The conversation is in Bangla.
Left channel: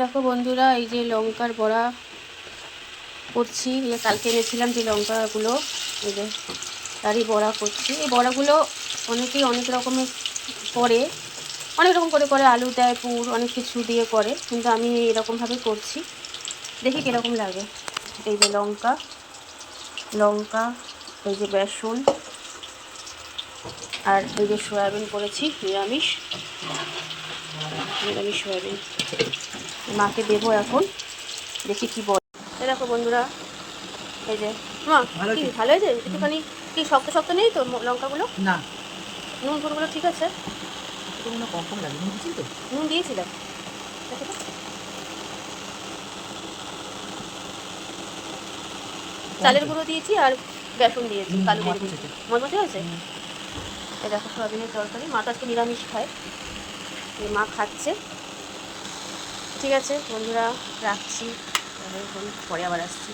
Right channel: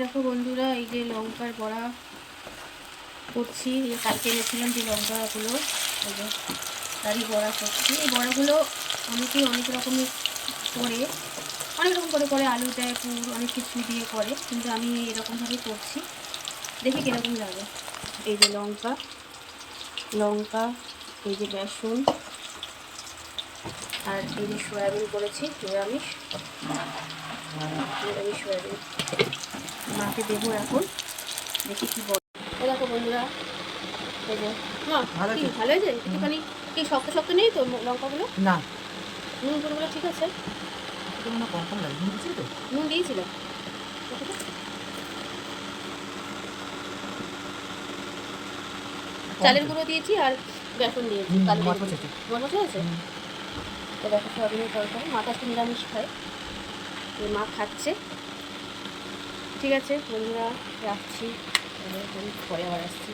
দেখো বন্ধুরা, এই যে লঙ্কার বড়া করছি। এই কালকে এনেছিলাম যে লঙ্কাগুলো, এই যে তারই বড়া করছি। এই বড়াগুলো অনেকেই অনেক রকমের করে, অনেক রকম করে আলু দেয়, পুর অনেক কিছু দিয়ে করে, কিন্তু আমি এরকমভাবেই করছি। দেখি কীরকম লাগে। এই যে লঙ্কা লঙ্কা এই যে বেসন, আর এই যে সয়াবিন করেছি, নিরামিষ নিরামিষ সয়াবিন। মাকে দেবো এখন, দেখি কি বল। এই দেখো বন্ধুরা, এই যে মা, কি ভালো হয়েছে? একটুখানি কি শক্ত শক্ত নেই তো লঙ্কাগুলো? না, নুন টুনগুলো ঠিক আছে? এটা মনে হয় কম লাগে, বুঝছি তো। নুন দিয়েছিলাম, দেখো তো। চালের গুঁড়ো দিয়েছি আর বেসন দিয়েছি, কালো জিরে দিয়েছি। মজমজে হয়েছে। এই দেখো সয়াবিনের তরকারি। মা তো আজকে নিরামিষ খায়, এই মা খাচ্ছে। ঠিক আছে বন্ধুরা, রাখছি তাহলে, এখন পরে আবার আসছি।